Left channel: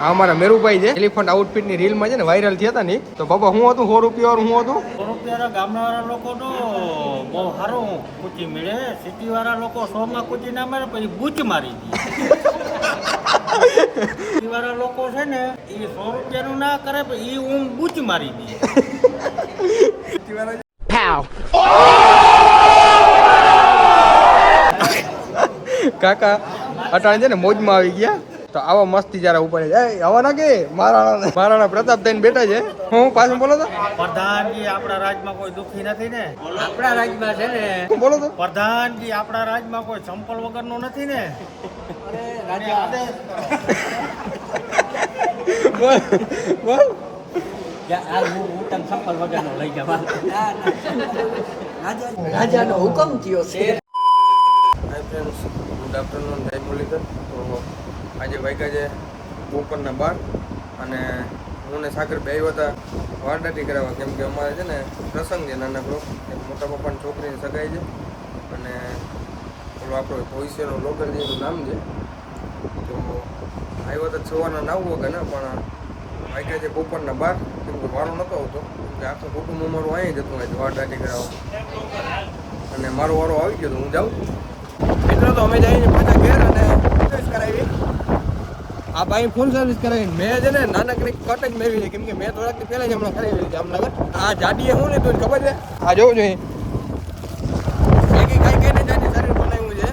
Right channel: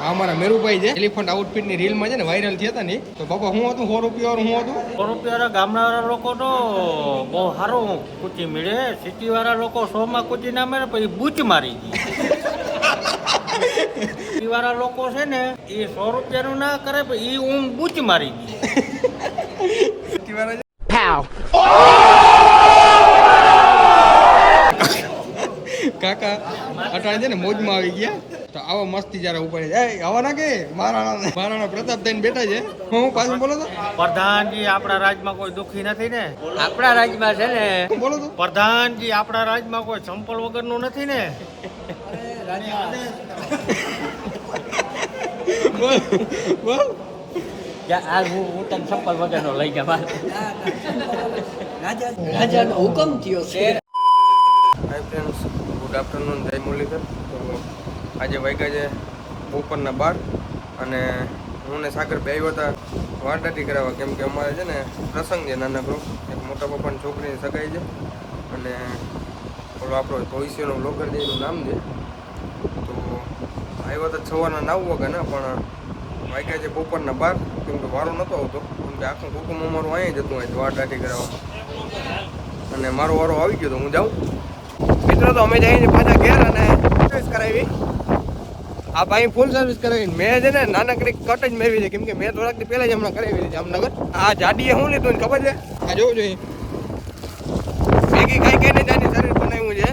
આ અમારા મેરુભાઈ છે. એલિફન્ટ આઉટફિટની રીલમાં છે ને વાયરલ થયા હતા ને તો બાપા હું હતું? સો રૂપિયા હું હતું? સો રૂપિયા ગામડા લોકો તો બહુ સારું કૂચી મળે. સિટી વાળા લોકો સો માં કૂચી ના મારે પછી બૂચ મારી દી. સિટી વાળા લોકો છે ને એ સો રૂપિયાનું ના કરે પછી એ ઊંઘ બૂચ મારી દે. કાકા અટાણે છે ને મોજમાં આવી ગયા. તો આવો મસ્તી જરા ઉપર છે આવા ના કે મહારાણા મહારાણા પ્રતાપ થઈને બેઠા છે. હું પાછું બોલો તો. પ્રધાનજી આપણા રાજમાં કોઈ દુખી નથી ને? આપણા રાજમાં છે ને? બોલો તો? પ્રધાનજી આપણા રાજમાં કોઈ સંપલ વગરનું નથી ને? બોલ બોલ. આ હું હું તને સંપલ વગરનો લઈ ગયા રાજાનો હુકમ થયો છે. ગુડ આફ્ટરનૂન જય મુરલીધર. તો આજે વાગ્યા છે બપોરના બાર અને હું ને સાગર બે આવ્યા હતા વારદાટી કરાવવા. કેમ કે અમારે છે ને પ્રસંગ છે નાનકડો એક મોટા પપ્પાની છોકરીની સગાઈ છે અને ઓલો આપણો ભવિષ્યનો લોગર છે, એનું નામ છે. તો આવ્યા હતા સવારના નવ વાગ્યા ને પણ વાગ્યા છે બપોરના બાર. કેમ કે વારો નહોતો આવતો. કેમ કે આખું કુટુંબ અમારું અહીંયા જતું હોય વારદાટી કરાવવા અને મારો વારો આવી ગયો તો હું જાઉં. મિત્રો, તો અમે જઈને પાછા ઘેર અને સર્વિસ કરાવી. આ ભાઈ ફૂલ સર્વિસ કરાવી મેં છે ને નાનકડી કટ જ મેળવી છે. કેમ કે મેં થોડાક દી પહેલા જ હમણાં કરાવી લીધી જામનગર. આ જાડીએ શું લીધું ને ખબર છે? આ જોવું જોઈએ મેગી ખાઈ ખાઈને જ શરીર બનાવ્યું છે.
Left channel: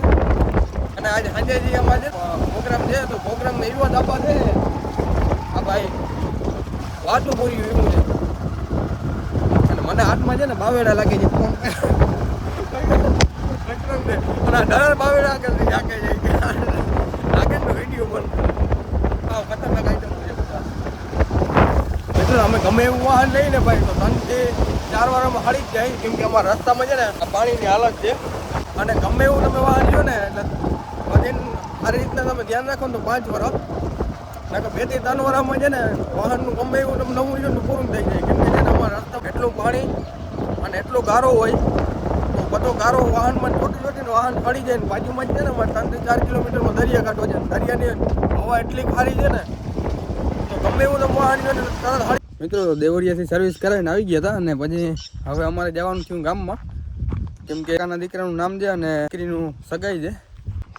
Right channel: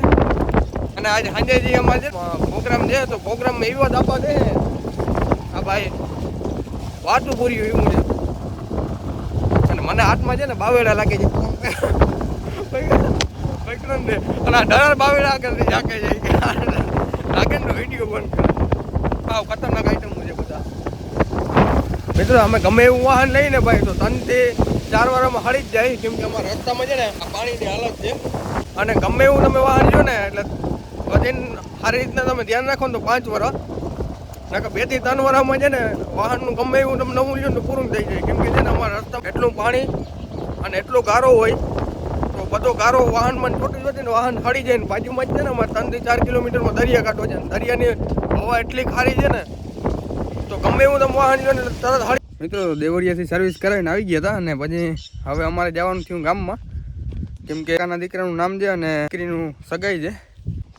અને આજે સાંજે જે અમારે છે પ્રોગ્રામ છે, તો પ્રોગ્રામમાં એવો દાબા છે. આ ભાઈ, વાતું પૂરી એવું છે. અને મને હાથમાં છે ને બાવેડા લાગે છે. અને ડર બાવેડા આગળ જાકે છે. નાગે વીડિયો બંધ કરે. ખતરનાક આઈટમ છે બધા. મિત્રો, અમે ગમે એવું વાહન લઈને ભાઈ, તો ત્રણથી ચાર વારમાં હળી જ જાય, કેમ કે અમારા રસ્તામાં છે ને પાણીની હાલત છે. અને ગમે એવું તમે વાહન લ્યો ને, એટલે વધીને સારી રીતના તમે ધ્યાન રાખો ને તો પાંચ વર્ષ નકર બેથી ત્રણ વર્ષમાં છે ને, વાહનનું ગમે એવું તમે નવું લ્યો ને પૂરું થઈ જાય. કેમ કે છે ને, અમારા રસ્તા એટલું પાણી અને એટલો ગારો હોય તો બધો ગારો વાહનમાં ખોટું ચોટી ને વાહન હળી જાય ને બાજુમાં જ છે ને અમારે ત્રણથી ચાર કિલોમીટરમાં દરિયા કાંઠો છે ને દરિયાની હવા એટલી ખારી છે ને, તો ગમે એવું તમે વાહન ને તરત હળી મિત્રો, દેવળિયાથી સર્વિસ કરાવીને આવી ગયા હતા અને પછી હવે અમારે જવાનું થયું ગામમાં. કેમ કે કાકાના દીકરાનું નામ છે અને દીકરીનું સગાઈ છે.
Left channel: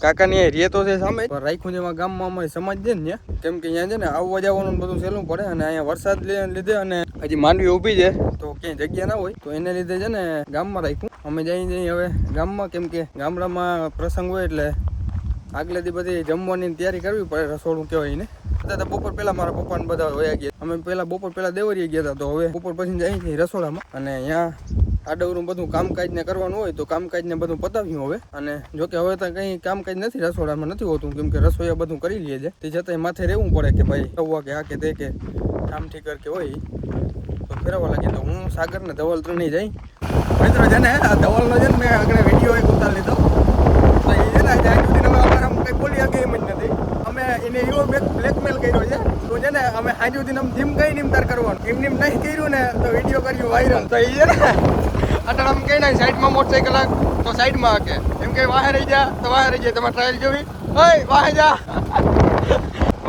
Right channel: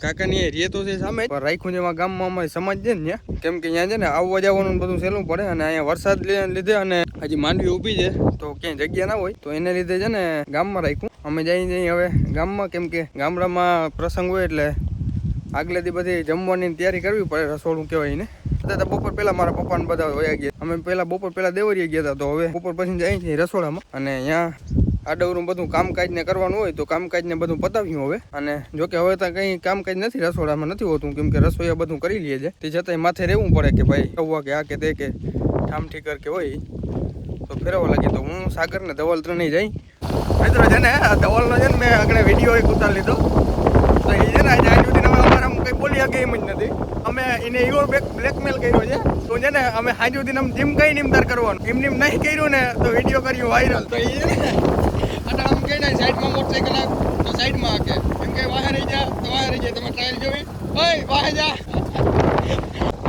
કાકાની રીએ તો છે સામે પણ રાખ્યું છે ગામમાં અમારી સમાજ છે ને કેમ કે અહીંયા છે ને આવવા જવાનું બધું સહેલું પડે અને અહીંયા વરસાદ લીધે અને હજી માંડવી ઊભી છે. તો ક્યાંય જગ્યા ના હોય, તો એને લીધે છે ને ગામમાં રાખ્યું. અમે જઈ જઈ હવે ગામમાં, કેમ કે ગામડામાં પ્રસંગ હોય એટલે આગલેથી બધી જમવાની તૈયારી કરવી પડે, રસોડું કહેવાય ને બધા બપોર પહેલા મારા પપ્પા ને બધા વયા ગયા. અમે પહેલા બપોર પહેલા દેવરીએ ગયા હતા, તો હવે બપોર પછી જઈ છીએ રસોડામાં. અને અહીંયા આડવરું બધું કામકાજ ને કરવાનું હોય તો કામકાજ ને બધું પતાવ્યું હવે. અને જો કે હવે તો કંઈ કામકાજ નથી, રસોડામાં નથી હોતું, કેમ કે રસોઈયા બધું કરી લઈએ છે. તે છતાંય માથે રહેવું પડે કે ભાઈ કૌવા કે આ કે તે કે ઠામઠી ઠીકર કે હોય, તો ફેરવવા લાગે. તો હું સાગર ને ધવલ ત્રણેય જઈ મિત્રો છે ને ધવલનો છે ને મેં આગળ વીડિયો એક ઉતારી લીધો. એટલે એ છે ને આજે સુધી અમે અમારા કંઈ બોલી શકે એમ જ નથી. અમે એને એવો બ્લેકમેલ કર્યો છે. તો છે ને અમે આજ સુધી આમ ધીમ કઈ નિમતાર કરવાનું. એમ નિમ નહીં કર્યું ને તો વીડિયો કર્યું વાયરલ તો એ છે ને અટલ આમ કઈ નાખી સાઈડમાં મોટરસાઇકલ તો સાઈડમાં હકે. એમ કે વાહે રહી જા. તો વાહે રહી જાય. તમે ટ્રાયલ જોવી? ઓય, વાહે જા.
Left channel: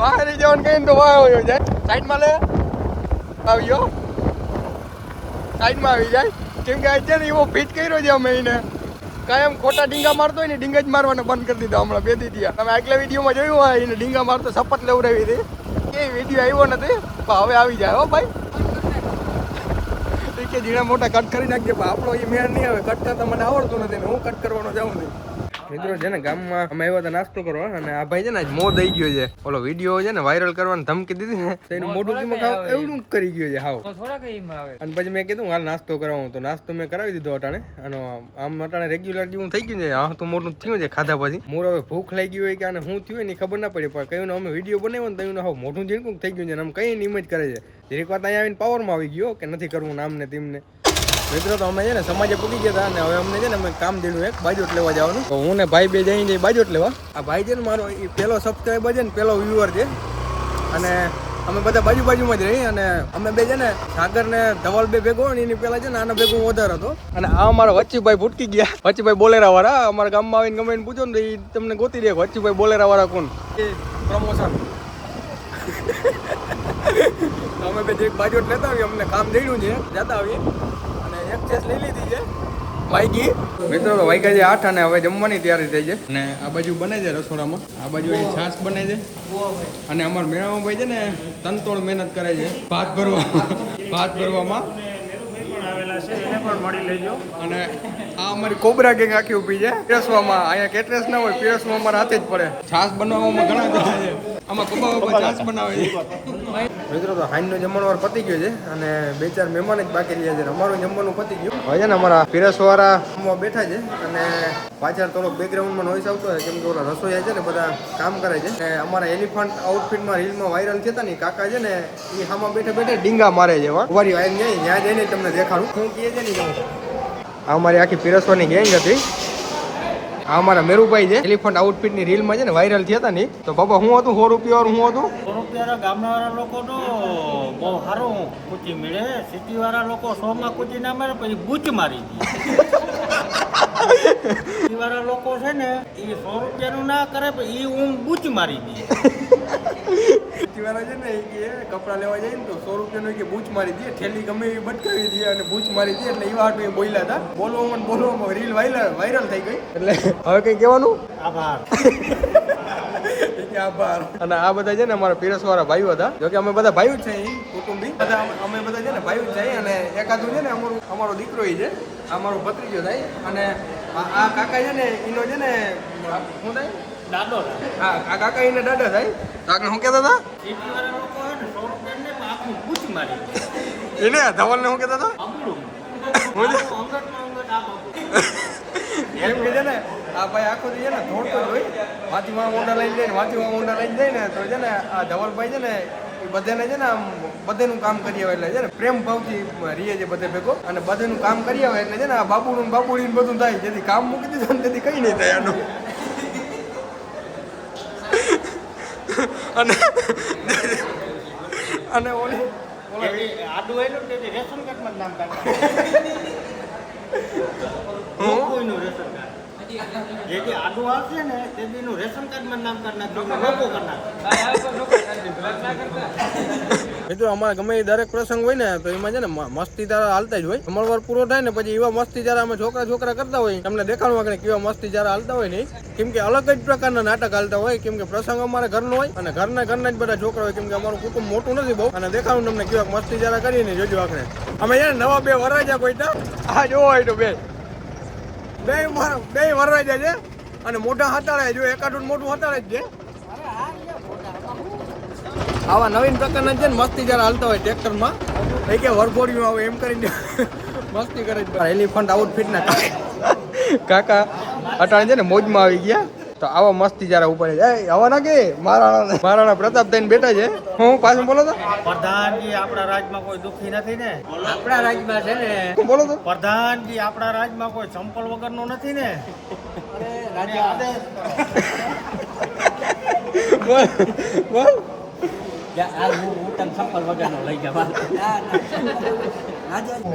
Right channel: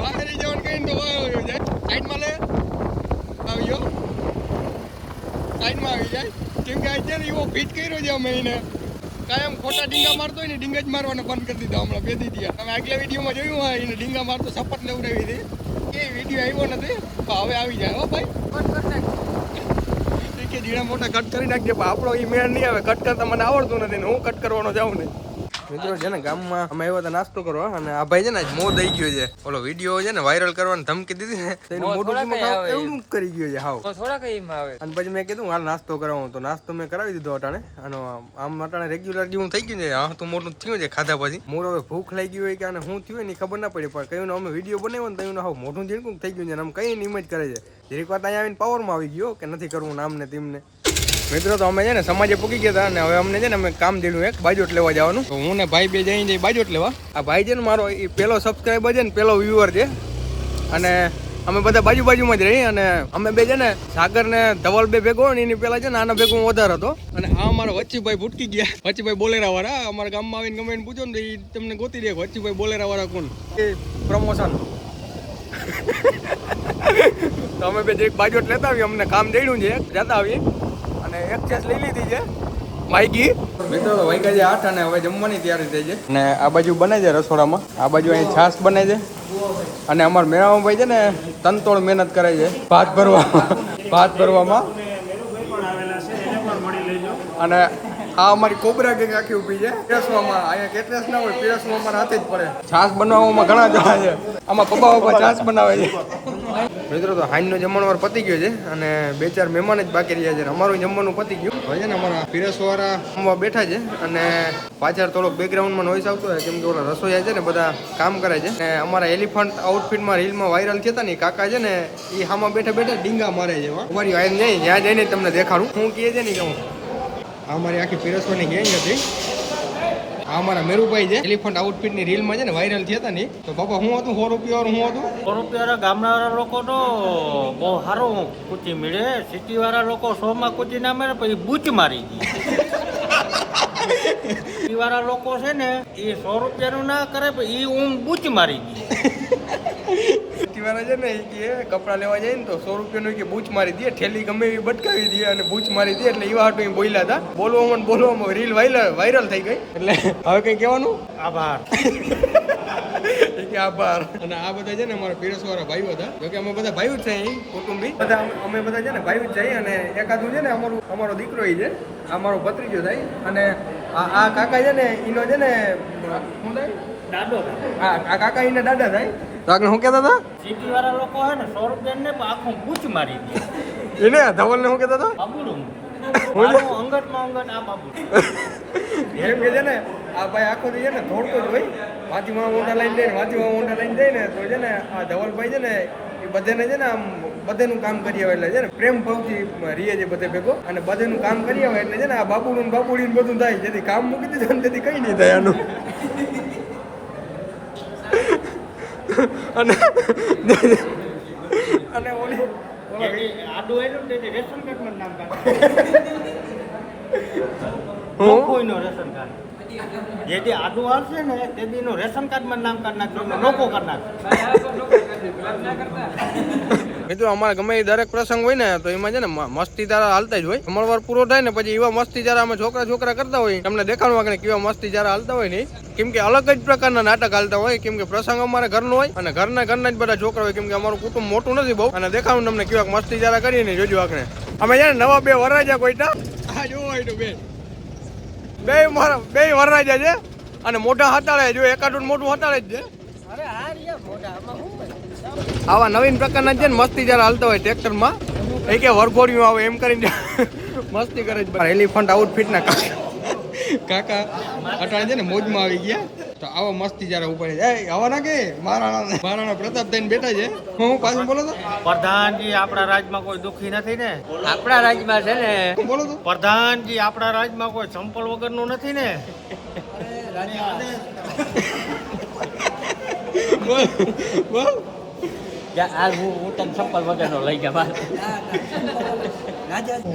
વાહે રહી જવાનું કહીને તો વાહે હોય જાય. સાઈડમાં લે. આવ્યો. સાઈડમાં આવી જાય. કેમ કે આજે એવો ફિટ કર્યો છે અમે એને. કાયમ ખોટા ડીંગા મારતો હોય ને ડીંગા જ મારવાના બંધ કરી દીધા હમણાં બે દીધી તમે આગલા વિડીયોમાં જોયું હોય, એને ડીંગા મારતો સપટ લેવડાવી હતી. એ વીડિયો આવ્યો નથી? પણ હવે આવી જાય, હો ભાઈ. કે ઝીણા મોટા કટ કરી નાખજે, પણ આપણો એ મેળ નહીં આવે. કટ કરતા મને આવડતું નથી ને હું કટ કરવાનો જાઉં નહીં. મિત્રો છે ને ગામમાં અમે આવ્યા હતા નાસ્તો કરવા અને આ ભાઈ છે ને આજ મો દઈ ગયો છે. ઓલો વીડિયો છે ને વાયરલ કરવાની ધમકી દીધી ને તો એનું મોઢું કેમાં ખાવ એવું કરી ગયો છે હાવ. અને પછી મેં કીધું હાલ નાસ્તો કરાવું. તો નાસ્તો મેં કરાવી દીધો અટાણે. અને આમ અટાણે રેગ્યુલર જેવું થઈ ગયું છે. હા તો મોટું થયું છે ખાધા પછી. મોર હવે ભૂખ લાગી હોય કે આને શું થયું હોય ને ખબર ના પડી પણ કયું અમે વીડિયો બનાવ્યો ને તો હાવ મોઢું ઝીણકું થઈ ગયું છે. અને આમ કઈ નિમજ કરે છે. દરેક વાત અહીંયા આવીને પાવરમાં આવી ગયો કે નથી કરવું નામ ને તેમને. મિત્રો તો અમે છે ને સમાજે પૂકી ગયા હતા અને હવે અમને છે ને અમે કામ દીધું એક બાજોટ લેવા જવાનું. તો હું ને ભાઈ બે જઈને જઈ બાજોટ લેવા. આ ભાઈ છે ને મારો એ પેલો સબસ્ક્રાઈબર છે ને પેલો વ્યુઅર છે. અને અમે બધા બાજુ બાજુમાં જ રહી અને અમે બે છે ને સાગર ને ધવલ બે ભેગો ને એની પેલા છે ને આના ભેગો હું વધારે હતો. અને આ અમારા વચ્ચીભાઈ ભૂટકી ગયા. વચ્ચીભાઈ બોલેરા વાળા અમારા ગામમાં આવીને ગમે પૂછો ને તો એ તમને ગોતી દે વચ્ચીભાઈ બોલેરા વાળા કોણ? એ પ્રમોશન તો અમે બે એક બાજુ લેતા આવીએ અમને કામ દેડ્યું છે જતા આવીએ. અને એક ચેસ લઈ લીધી છે. માઇકી મિત્રો વાગ્યા છે આઠ અને હવે જમવાની તૈયારી થઈ છે. અને આ બાજુ બને છે રસોડામાં. આ બાજુ અહીં છાશ બને છે. અને અમારા મેળામાં ભાઈ છે ને તનતોડ મહેનત કરે છે. ભાત ભરવામાં ભાત ભરવામાં. અને આ અમારી કોબરા ગેંગ આખી ઊભી છે. પીરસવામાં. અહીંયા કેટરેસ ના હોય પીરસવામાં અમારા હાથે જ પડે. છાશ બનાવવામાં ઘણા જણા છે. આમાં પપ્પા પપ્પા છાશ બનાવે છે. મિત્રો, તો હાઈનનો જમણવાર પતી ગયો છે અને બે ચાર મહેમાન જ બાકી રહ્યા છે અમારું જમવાનું પતી ગયું. હવે છે ને અમારા પીરસવાળા જમવા બેઠા છે અને પાછળ થોડોક બેકગ્રાઉન્ડમાં નોઈસ આવતો હોય, કેમ કે ઓલા રસોઈયા છે ને બધા કામ કરે છે. અને અમારા એલિફન્ટ આઉટફિટમાં રીલમાં વાયરલ થયા હતા ને કાકા છે ને એ હામાં બેઠા બેઠા ડીંગા મારે છે વારી વાયર જાય જ્યાં જઈને તમને દેખાડું. હું કહે છે ને કહું આ અમારી આખી પીરસવાની ગેંગ હતી. આ અમારા મેરુભાઈ છે. એલિફન્ટ આઉટફિટની રીલમાં છે ને વાયરલ થયા હતા ને તો બાબા હું હતું? સો રૂપિયા હું હતું? સો રૂપિયા ગામડાવાળા લોકો તો બહુ સારું કુચી મળે. સિટી વાળા લોકો સો માં કુચી ના મળે પછી બૂચ મારી દે. વાળા લોકો છે ને, એ સો રૂપિયાનું ના કરે એ ઊંઘ બૂચ મારી દે. વાળા છે ને એ કે કપડાં લેવા જાય ને તો સો રૂપિયાનો કે બૂચ મારી દે ઠેલી ગમે એવી બટકાવી દે અને બૂચ મારી દે એટલે એવા હાટું એ બોલ્યા હતા. બોલવામાં બોલવામાં રીલ વાયરલ વાયરલ થઈ ગઈ. એટલે હવે કઈ કહેવાનું? આભાર. આભાર. અને આ બધા છે ને અમારા પીરસવાળા ભાઈઓ હતા. જો કે અમે બધા ભાઈઓ જ છે કુટુંબી. બધા અમે- બધા છે ને ભાઈઓ જ છીએ અને એકાદું છે ને અમારું અમારો દીકરો ઈ છે અમારો મારો ભત્રીજો થાય અને આ આ કાકા છે ને એનો છે ને શું થાય? દાદો. હા આ કાકા એને દાદા થાય. તો શું કહેતા હતા? સિટી વાળા લોકો હે ને સો રૂપિયા ને આખું બૂચ મારી એને ધવલ ધવલને શું કહેતા હતા? બાબુડું. હું અંગત આ બાબુ એમ કે છે ને આ ભાઈ આખો જે છે ને ધોળતો જ હોય. વાંચીમાં ઊંડા લઈને જાય ને વાંચીમાં ઊંડા લઈને જાય ને તો છે ને આ ધવલભાઈ છે ને એ બધાને છે ને આમ બધેનું કામ કરી આવે એટલે છે ને પ્રેમ ભાવથી રીએ છે બધે ભેગો. અને બધેનું કામ કરી આવે એટલે છે ને આ બાબુનું ને બાબુડી ને બધું થાય. જેથી કામ મૂકી દીધું ને તેથી કઈ નહીં થાય આનું. અને અને ઓલી ઓલા આવ્યું ને તેથી રેશન કાર્ડમાં નામ કાઢ. હું? કોઈનું રેશન કાર્ડ. કાર્ડમાં નામ કાઢ નાખજો નોકો કરી નાખજો. મિત્રો, અમારે ગમે એ દરેક પ્રસંગ હોય ને, તો એમાં છે ને મસ્તી તારા હાલતા જ હોય. અમરવાર પૂરો થાય ને, પછી એવા મસ્તી તારા અમે છોકરા છોકરા કરતા હોય. તમને દેખાડવા કે કેવા મસ્તી તારા હાલતા હોય ને કેમ કે અલગ જ પ્રકારના નાટક હાલતા હોય, કેમ કે પ્રસંગ અમારે ઘરનો હોય, અને ઘરના ઘરના જ બધા છોકરા હોય, કેમ કે અમારું કુટુંબ મોટું નથી બહુ. અને દેખાડું તમને કેવા મસ્તી તારા કરીએ ને, જોજો આખરે. અમે છે ને નવા બે વરરાજા કોઈટા આ જોવો હોય તો બે. બે બે વરરાજા છે. અને મોટા હતાળે જો એકાદું મોટું હતાળે જ છે. આવા નવીન પ્રકારના છે ને મસ્તી જરા હાલતા હોય ટ્રેક્ટરમાં એ કે વરઘોડિયું આવે એમ કરીને મસ્તી કરે છે. એલિફન્ટ આઉટફિટના કાકા. અટાણે છે ને મોજમાં આવી ગયા. તો આવા મસ્તી જરા ઉપાડે છે. આવા ના કે મહારાણા મહારાણા પ્રતાપ થઈને બેઠા છે. હું પાછું બોલો તો. પ્રધાનજી આપણા રાજમાં કોઈ દુખી નથી ને? આપણા રાજ્યમાં છે ને. હું બોલો તો. પ્રધાનજી આપણા રાજમાં કોઈ ચંપલ વગરનો નથી ને? બોલ બોલ. આ હું હું તને ચંપલ વગરનો લઈ ગયા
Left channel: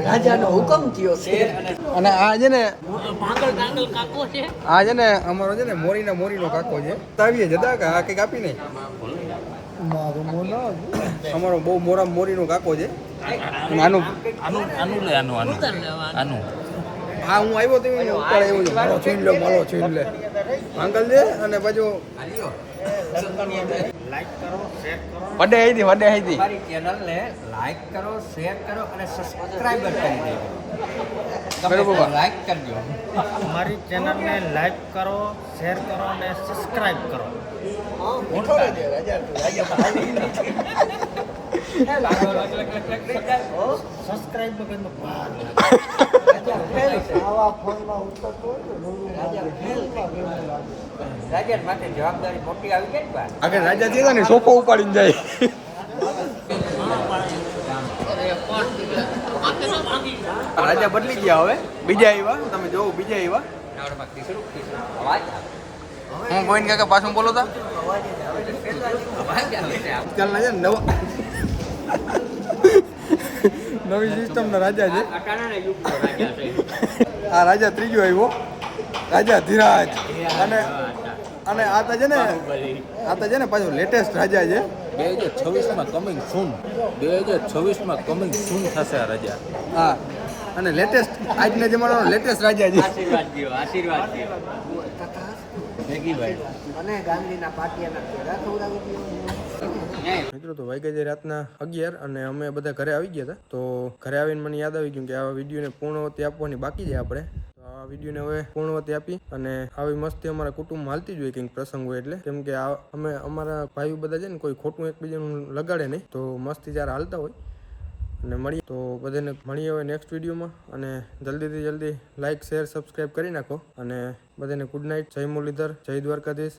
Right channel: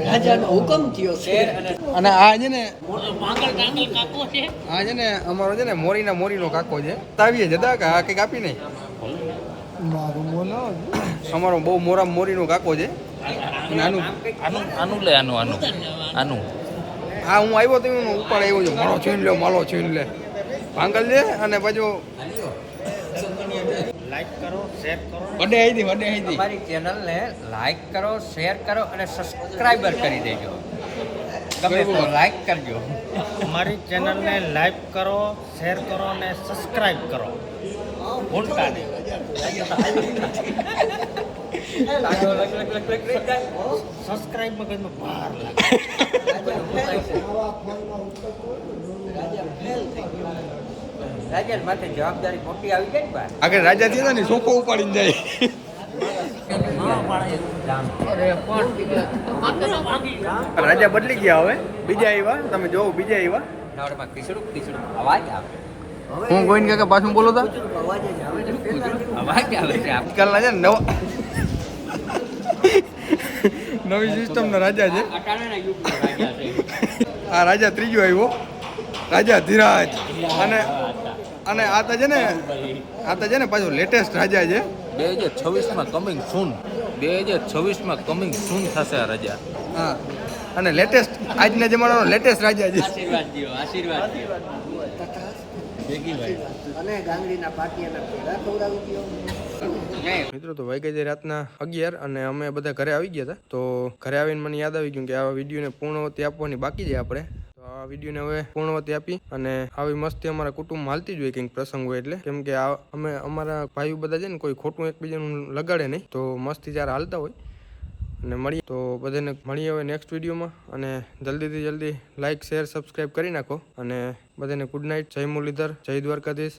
રાજાનો હુકમ થયો છે. અને આ છે ને કાકો છે. આ છે ને અમારો છે ને મોરીના મોરીનો કાકો છે. તાવીએ જતા કે આ કંઈક આપી નહીં? અમારો બહુ મોરા મોરીનો કાકો છે. અને આનું આનું આનું લે આનું આનું. આનું. હા હું આવ્યો તો હું ઉપર આવ્યો છું. મારો છીન લે મારો છીન લે. ભાંગલ છે અને પાછું લાઈક કરો શેર કરો. વડે હતી વડે હતી અમારી ચેનલને લાઈક કરો શેર કરો અને સબસ્ક્રાઈબર કરી દેજો. બરોબર. લાઈક કરજો. અમારી ચેનલને લાઈક કરો શેર કરો અને સબસ્ક્રાઇબ કરો. સબસ્ક્રાઇબ વગરનું રાજા માથે જવાબદારી મોટી આવી ને આગળ રાજા થયા ને સોફો ઉપાડીને જાય. રાજા બદલી ગયા હવે. બીજા આવ્યા. તમે જોવો બીજા આવ્યા. હું ગોવિંદ કાકા પાછું બોલો તા. આજકાલના છે. નવા નવી સિસ્ટમના રાજા છે. રાજા છે. આ રાજા ત્રીજો આવ્યો. રાજા ધીરાજ. અને અને આ તો છે ને આ તો છે ને પાછું લેટેસ્ટ રાજા છે. બે હજાર છવ્વીસમાં કમિંગ સૂન બે હજાર છવ્વીસમાં કમિંગ સૂન થશે આ રાજા. હા. અને લેટેસ્ટ આજના જમાનાનો લેટેસ્ટ રાજા છે. આશીર્વાદ આશીર્વાદ દો અને ગાંધીના પાટિયાના પેડા ખવડાવી દો મિત્રો તો વાગ્યા છે રાતના અગિયાર અને અમે બધા ઘરે આવી ગયા હતા. તો ઘરે આવીને મને યાદ આવી ગયું કે આ વિડીયોને પૂર્ણવતી આપવાની બાકી છે આપણે. તો આ વિડીયોને હવે પૂર્ણવતી આપી અને આવી મસ્તી અમારા કુટુંબમાં હાલતી જ હોય કંઈક પ્રસંગ હોય એટલે. કેમ કે અમે અમારા ભાઈઓ બધા છે ને કોઈ ખોટું એકબીજાનું લગાડે નહીં. તો મસ્તી જ્યારે હાલતા હોય અને મળીએ. તો બધાને મળીએ હવે નેક્સ્ટ વિડીયોમાં અને જલ્દીથી જલ્દી લાઇક શેર સબસ્ક્રાઈબ કરી નાખો. અને બધાને ગુડ નાઇટ જય મુરલીધર, જય દ્વારકાધીશ.